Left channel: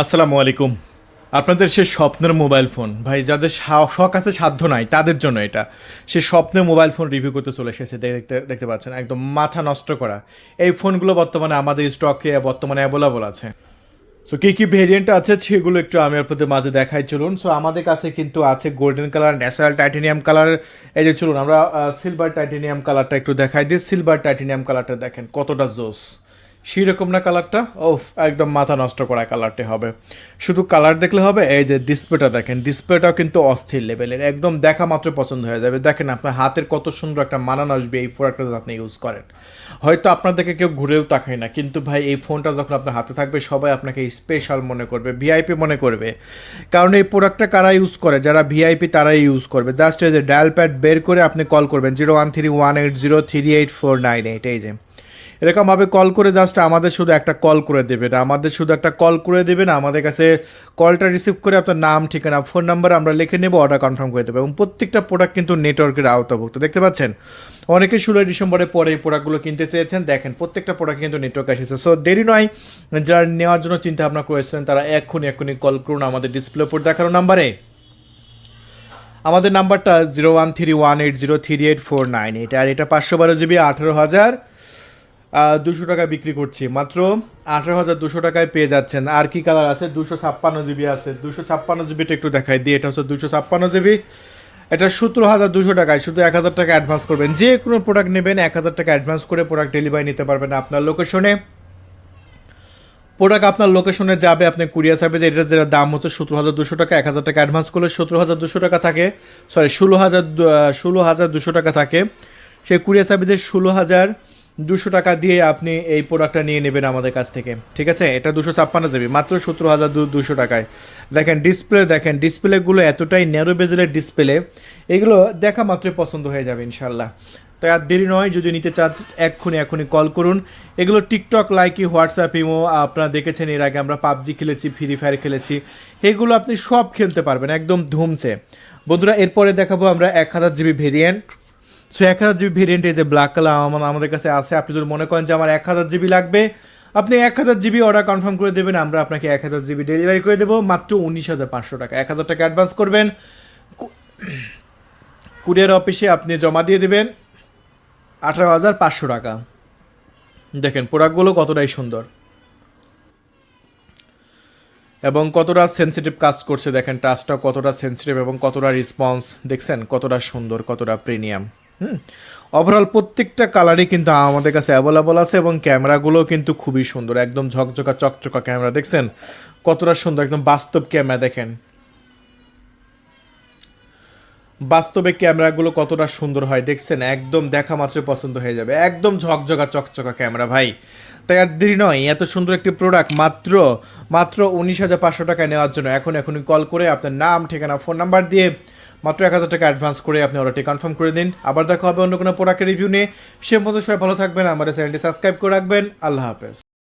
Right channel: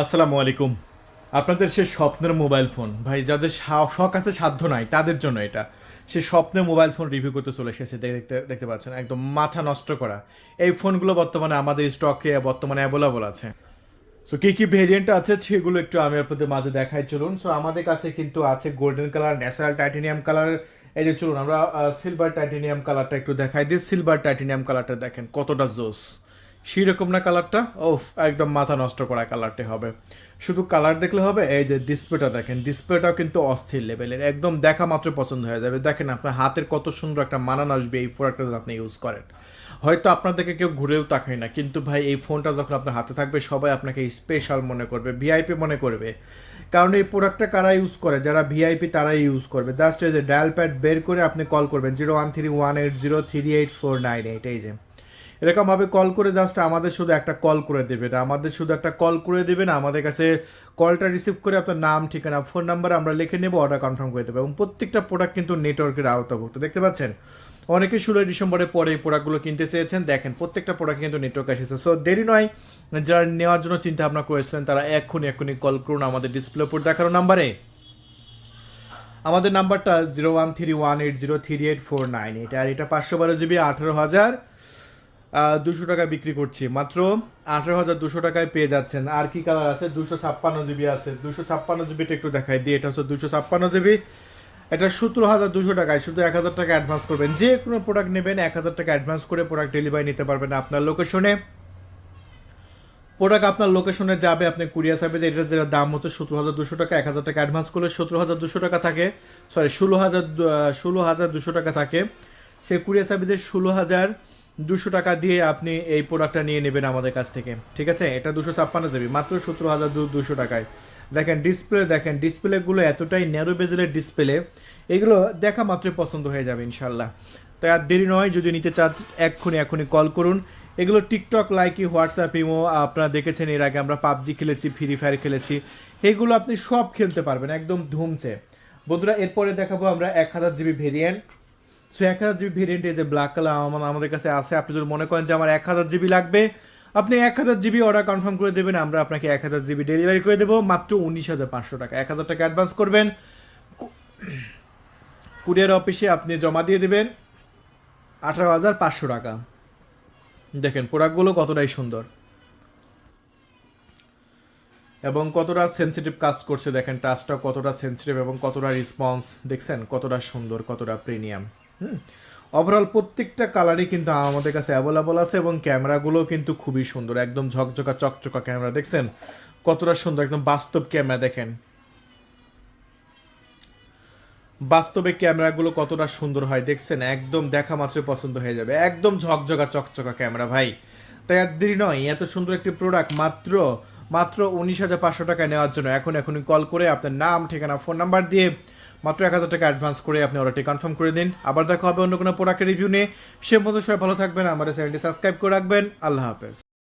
আসসালামু আলাইকুম। আপনাদের সে স্বপ্নের মোবাইল ফোন ভাই, যাদের শখ আছে সাধ্য নাই তাদের জন্য এটা। সে স্বপ্নের মোবাইল ফোন রিভিউ করতে চলে এসেছে, দেখতে দেখতে পাচ্ছেন একদম মাথা নষ্ট করা। এই ফোনগুলো বর্তমানে আমাদের স্টকে বর্তমানে অ্যাভেলেবল আছে। সো কী কী ভেরিয়েন্ট আছে সেগুলো একটু আমি আপনাদের মাঝে দেখাই, চলুন। সো আমাদের কাছে কিন্তু আছে golden colour, natural titanium colour. এই যে চলুন আমরা সিলভার টাইটেনিয়াম কালারটা একটু দেখাই দিই। সিলভার টাইটেনিয়াম কালারটা দেখেন কতটা জোস, সেরকম না কালারটা? ও, একদম মাথা নষ্ট করা কালারটি হবে। শুধু কালার দেখলে হবে, এই যে ডিসপ্লেটা দেখেন, ডিসপ্লেটাও কিন্তু অস্থির লেভেলের, একদম দেখা মাত্র পছন্দ হয়ে যাবে। দেখেন আপনার হাতের কত সুন্দর একটা মানান আসবে এই প্রোডাক্টটা যদি আপনি ইউজ করেন। হয়তো আপনাদেরকে কেউ ঘুরেও তাকায় না, কিন্তু ভাই এই ফোনটা যখন আপনার হাতে থাকবে সবাই আপনাকে স্পেশাল মনে করবে, ভিআইপি মনে করবে। কারণ এই প্রোডাক্টটা কারা ইউজ করে? যারা ভিআইপি তারাই ইউজ করবে। জাস্ট এই যে ডায়াল প্যাড বের করে আপনি কল করবেন 0131803849, এই যে এরকমভাবে কল করে জাস্ট আমাদের শুধু একটা কল করে দেবেন, আমাদের কাছে কলটা রিসিভ করে আপনার নাম, ঠিকানা, ফোন নাম্বার আমরা লিখে নেব, অর্ডার কনফার্ম করে দেবো। এবং প্রত্যেকটা প্রোডাক্ট কিন্তু নেটওয়ার্কের আওতাভুক্ত, দেখতে পাচ্ছেন। অনেকে 16 ডিসেম্বরের পরে এই প্রোডাক্টগুলো কিনতে চেয়েছেন, দেখেন প্রত্যেকটা প্রোডাক্ট কিন্তু নেটওয়ার্ক এসেছে। সো দেরি নয়, যারা নেওয়ার জন্য চিন্তা ভাবনা করেছেন তারা এক্ষুনি কল করুন আমাদের ডিসপ্লে উপর দেখানো নাম্বারে। আমাদের নাম্বারটা 0131803849, আর এটা 512 জিবি, 18,200 টাকায় বিক্রি করছি, মাত্র 18,200 টাকায় পেয়ে যাচ্ছেন। আর কি কালার আছে? 256 জিবি আছে। 256 জিবিটা একটু দেখাই দিই। এটা হচ্ছে 256 জিবি, এটা 17,200 টাকায়। শুধু 1,000 টাকা অ্যাডভান্স করবেন, যে কোনো প্রোডাক্ট নেবেন 1,000 টাকা অ্যাডভান্স করে প্রোডাক্ট ডেলিভারি নিতে পারবেন আপনার লোকেশনে। প্রোডাক্ট আপনার লোকেশনে যাবে, আপনি কুরিয়ার সার্ভিস, এটার যেটা দাম হচ্ছে 17,200 টাকা। 1,000 টাকা অ্যাডভান্স করলে 17,200 টাকা থাকে, সরি 16,200 টাকা থাকে। সেই কুরিয়ার সার্ভিসের 16,200 টাকা দিয়ে আপনি এই প্রোডাক্টটা নিয়ে নেবেন আমাদের কাছ থেকে, ঠিক আছে? এটা 256 জিবি, মাত্র 17,200 টাকায়। দেখেন ডিসপ্লেগুলো এতটাই ন্যারো বেজেলের ডিসপ্লে, এগুলো দেখা মাত্রই পছন্দ হয়ে যাবে ইনশাল্লাহ। তাই আর দেরি নয়, যদি নিতে চান এক্ষুনি কল করুন। এগুলো টিকটক, লাইকি, হোয়াটসঅ্যাপ, ইমো, আপনারা দেখেছেন এর আগে আমরা পাবজি খেলেছি, ফ্রি ফায়ার খেলেছি, এগুলো আপনি সব খেলতে পারবেন একদম ধুমসে। বন্ধুরা, এরপরে দেখাবো আমরা 1,000 GB variant. So 1,000 GB variant, এই যে ব্ল্যাক কালার আমাদের কাছে আছে। আপনি যদি মনে করেন যে আমার 1,000 জিবি লাগবে, আপনি 1,000 জিবি অর্ডার কনফার্ম করে দেবেন, আমরা আপনাকে 1,000 জিবি ডেলিভারি করে দেবো মাত্র 19,500 টাকা। 1,000 টাকা অ্যাডভান্স করবেন, কুরিয়ার অফিসে আপনি জমা দিয়ে দেবেন 18,500 টাকা। দেখেন প্রোডাক্টগুলো কতটাই সুন্দর এবং কতটা সেন্সিটিভ কাজ করছে, দেখেন টাচটা কতটা সেন্সিটিভ এবং কতটা রেসপন্স, দেখছেন কতটা সুন্দর, কতটা প্রিমিয়াম। ওভারঅল প্রত্যেকটা কালারই কিন্তু আমাদের কাছে অ্যাভেলেবল আছে এবং ক্যামেরাগুলো কিন্তু খুবই সুন্দর, একদম ঝকঝকা চকচকা ক্যামেরা, দেখছেন কতটা সুন্দর, একদম বাস্তব ক্যামেরা। দেখেন বাস্তবে ক্যামেরাগুলো কতটা সুন্দর হয়, দেখছেন একদম দেখা মাত্র পছন্দ হয়ে যাবে, একদম ঝকঝকা চকচকা ক্যামেরা ভাই। তাই আর দেরি নয়, এত সুন্দর একটি প্রোডাক্ট মাত্র মাত্র 19,500 টাকায় নেওয়ার জন্য এখনই কল করে আপনার নাম, ঠিকানা, ফোন নাম্বার দিয়ে মাত্র 1,000 টাকা অ্যাডভান্স করে আপনি অর্ডারটি কনফার্ম করে দিন। আবার দেখা হবে অন্য কোনো প্রোডাক্টের রিভিউ নিয়ে। সে মতো সবাই ভালো থাকবেন, আমাদের চ্যানেলটি সাবস্ক্রাইব করে রাখবেন। আল্লাহ হাফেজ।